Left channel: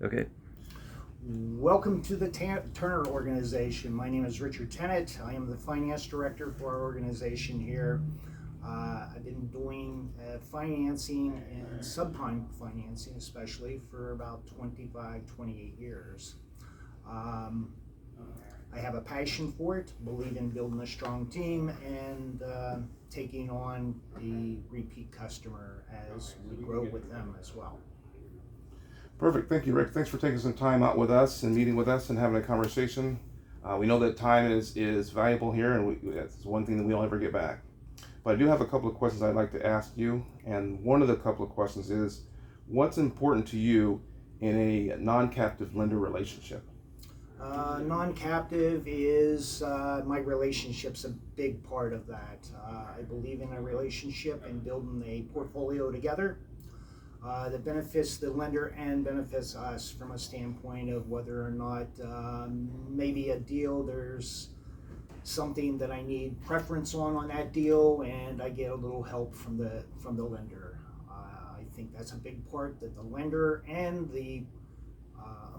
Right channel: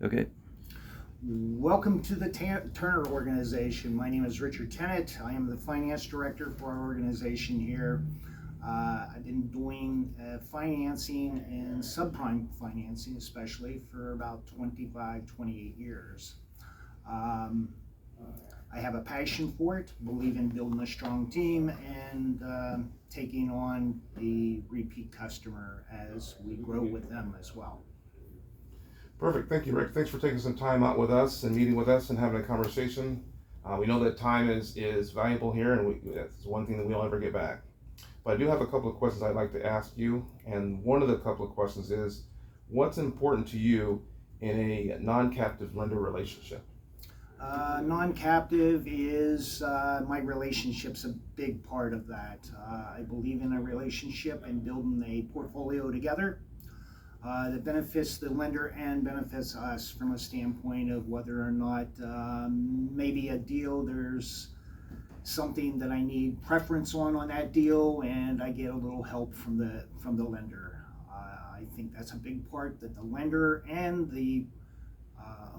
Okay. Welcome to the Turner organization. My name is Richard Tennant. I am the finance director for our organization here. I've been doing financing and subprime financing especially for about 25, 28 years. I have a passion for it, believe in building a strong team and taking on the repeat customer as we grow with them as well. Perfect. Thank you, Rick. Thanks for taking some time out with us and meeting with us and having a conversation. We know that time is valuable here, and it's one thing that we don't ever get back. But I do have a couple of questions I'd like to ask you, and one of the couple of questions is, what's important to you in a non-captive lender relationship? Non-captive is my relationship's a big part of that. I believe in a relationship and building a portfolio together that benefits the lender and benefits us from a standpoint of whether or not maybe a deal there's something that I need preference on that deal, and I get a little help from the lender. I think that's a big part, that the lender and the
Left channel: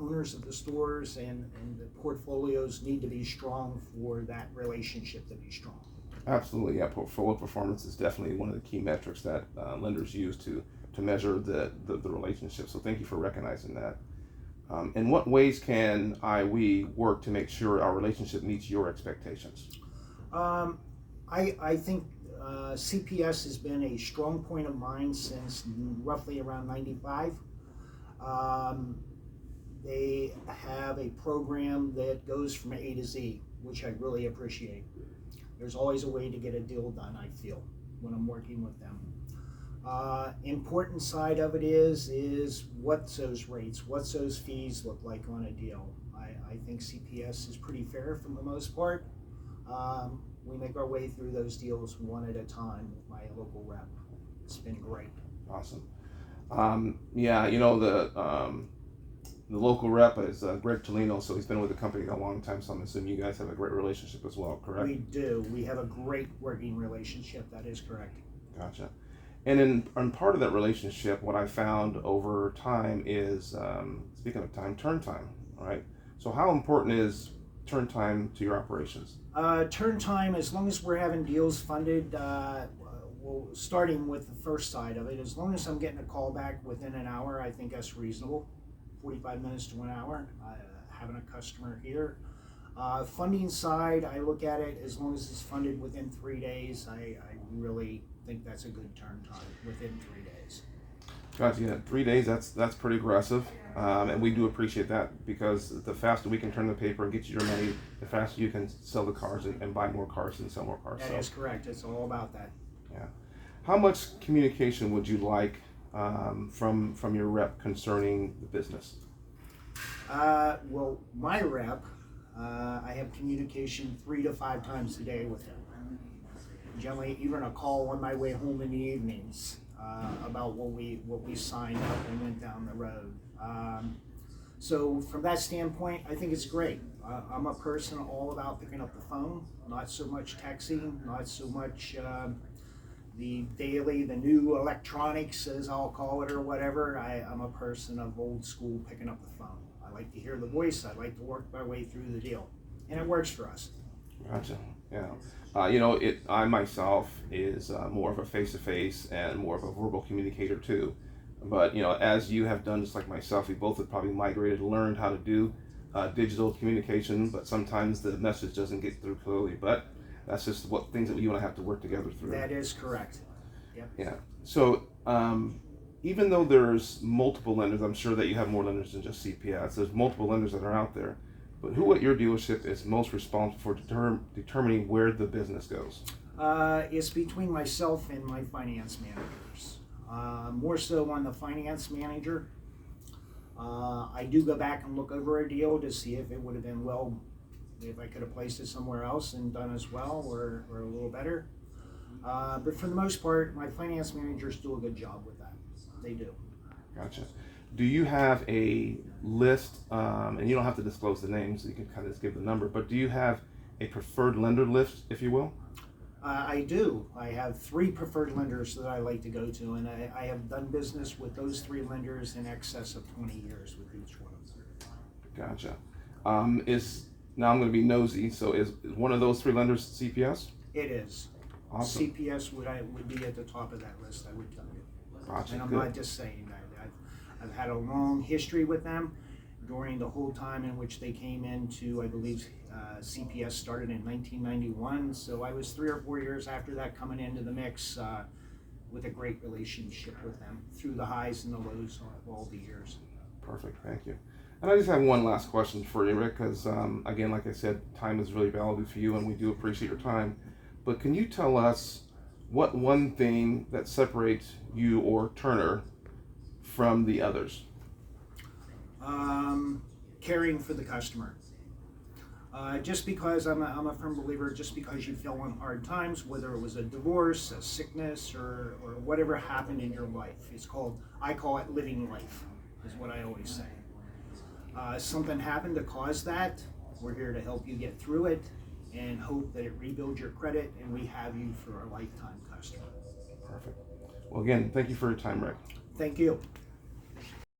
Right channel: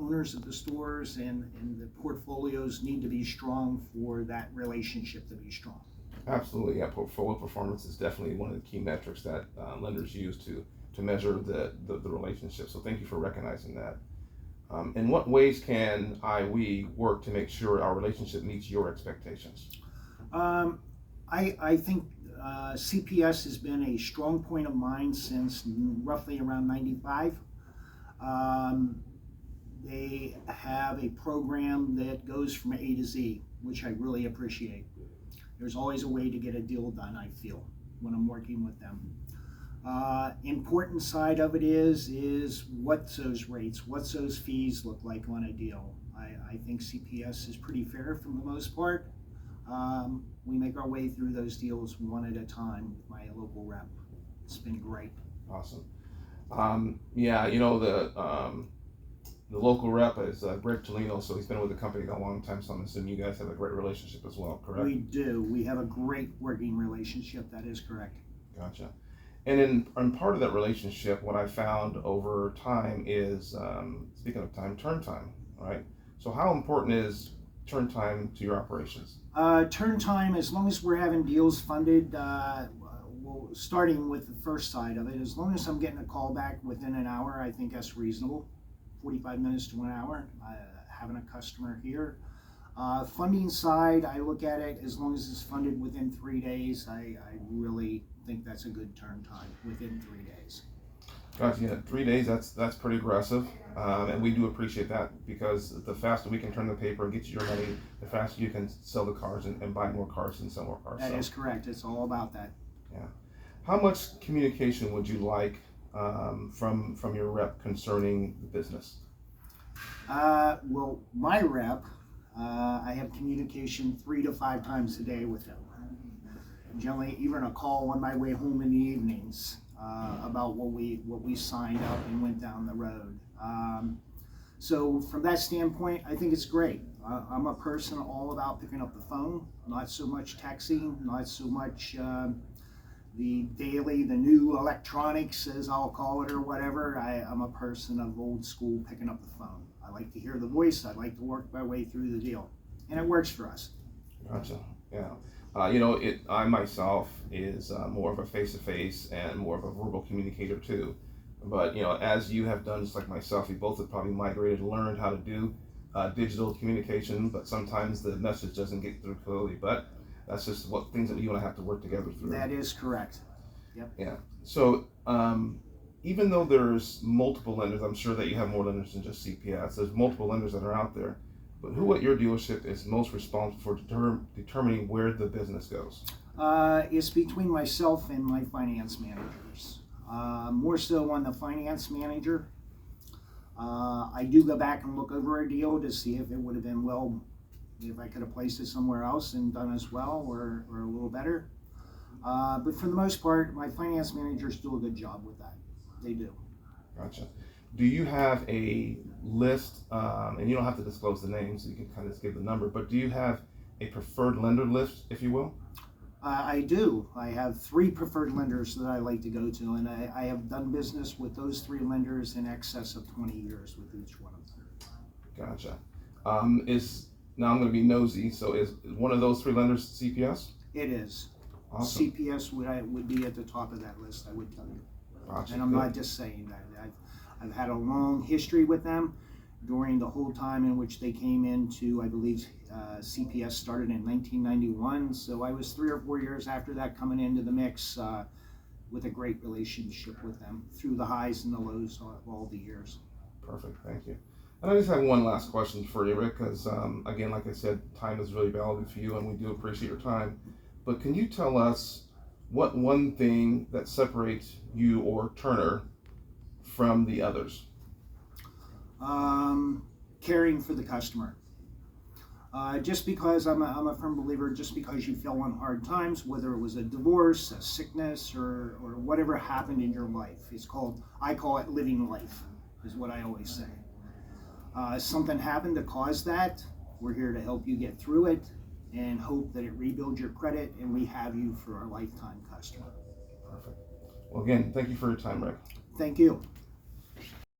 owners of the stores and the portfolios need to be strong for that relationship to be strong. Absolutely, yeah. Portfolio performance is definitely one of the key metrics that lenders use to measure the relationship. So thank you for recognizing that. In what ways can we work to make sure our relationship meets your expectations? I think CPS has been a strong point of mine since roughly around 95. They have a program that goes from A to Z, which I really appreciate. There's always a way to get a deal done, I feel, when I'm working with them. Important side of it is what's those rates, what's those fees look like on a deal. I think CPS is pretty fair for the most part. We make our way through those deals one at a time with my local rep. It's been great. Awesome. Yeah, the local rep is Greg Tolino, so he's been with the company a long time, so I'm assuming you guys have a great relationship as well, correct? We do. We have a great working relationship. That is correct. Gotcha. And in part of that relationship, what I found over time is, speaking of time, turn time, right? So how important is turn time to your operations? Turn time, as long as we're having deals funded, starting with the first side of it, as long as I'm getting a call back within an hour, I think that's reasonable. 45 minutes to an hour, having a customer here. Funding side, I look at it as long as it's funded within 3 days. I really think that's a good turn time, within 3 days. Gotcha. Yeah, 3 days. That's pretty aggressive, and we do appreciate that, because the faster we can turn the paper and get you your money, the faster you can sell the cars and buy more cars and sell more cars. That is correct. It's all about that. Yeah. How much communication would you like from your rep concerning the business? Well, my rep, I have communication 3 to 5 times a day with him. Generally, even a call on my way home in the evenings about what we signed up and went down the road. So from that standpoint, I think it's great. I'm a person all about picking up the phone, not so much texting, not so much the new electronics, as I'll call it, or whatever. I'm a person of old school, picking up the phone. I like to hear the voice. I like to work my way through the deal, and it works for us. Gotcha. Yeah. I myself is more of a face-to-face and more of a verbal communicator too. But as you have done, just like myself, we both have probably migrated and learned how to do digital communication. But sometimes the message doesn't get through clearly. But that's just things that you and I have to work together through. That is correct. Yep. Yeah. So even though there's multiple lenders, I'm sure that you have more lenders than just CPS. There's multiple lenders that are out there. But who at your dealership is most responsible for determining where the business goes? It's between myself and my finance managers. More so on the finance manager. I do go back and look over a deal to see if it would have been if I could have placed it somewhere else and done as well or a little better. But for the most part, my finance managers do a good job with that. They do. Gotcha. Do you have a list, and you don't have to disclose the names, you can kind of just give the number, but do you have a preferred lender list, if you will? I do. I have 3 preferred lenders that I like to go to, and I have done business with those 3 lenders in excess of 20 years with each one of them. Gotcha. Now I'm going to be nosy. So is one of those 3 lenders CPS? It is. Awesome. CPS would be at the top of that list, I would tell you. Gotcha. And I'm Good. not just saying that. I've had a long history with them during the whole time in which they came into, I believe, CPS started in 1991. So I was 3 or 4 years after that coming into the mix with a great relationship with them through the highs and the lows of all the years. Perfect. Thank you. And I just have one last question for you, Rick, because again, like I said, time is really valuable for you, and we do appreciate your time. But can you tell us what one thing that separates you or Turner from the others? Caring for the customer. Just because I'm a firm believer, just because you fell on hard times, whether it was a divorce, a sickness, or whatever happened in your life, I call it living life, is what I always say. Something happened to cause that, we're here to help you get through it and hope that it rebuilds your credit, and we have you for a lifetime customer. Perfect. Well, again, thank you for your time, Rick. Thank you.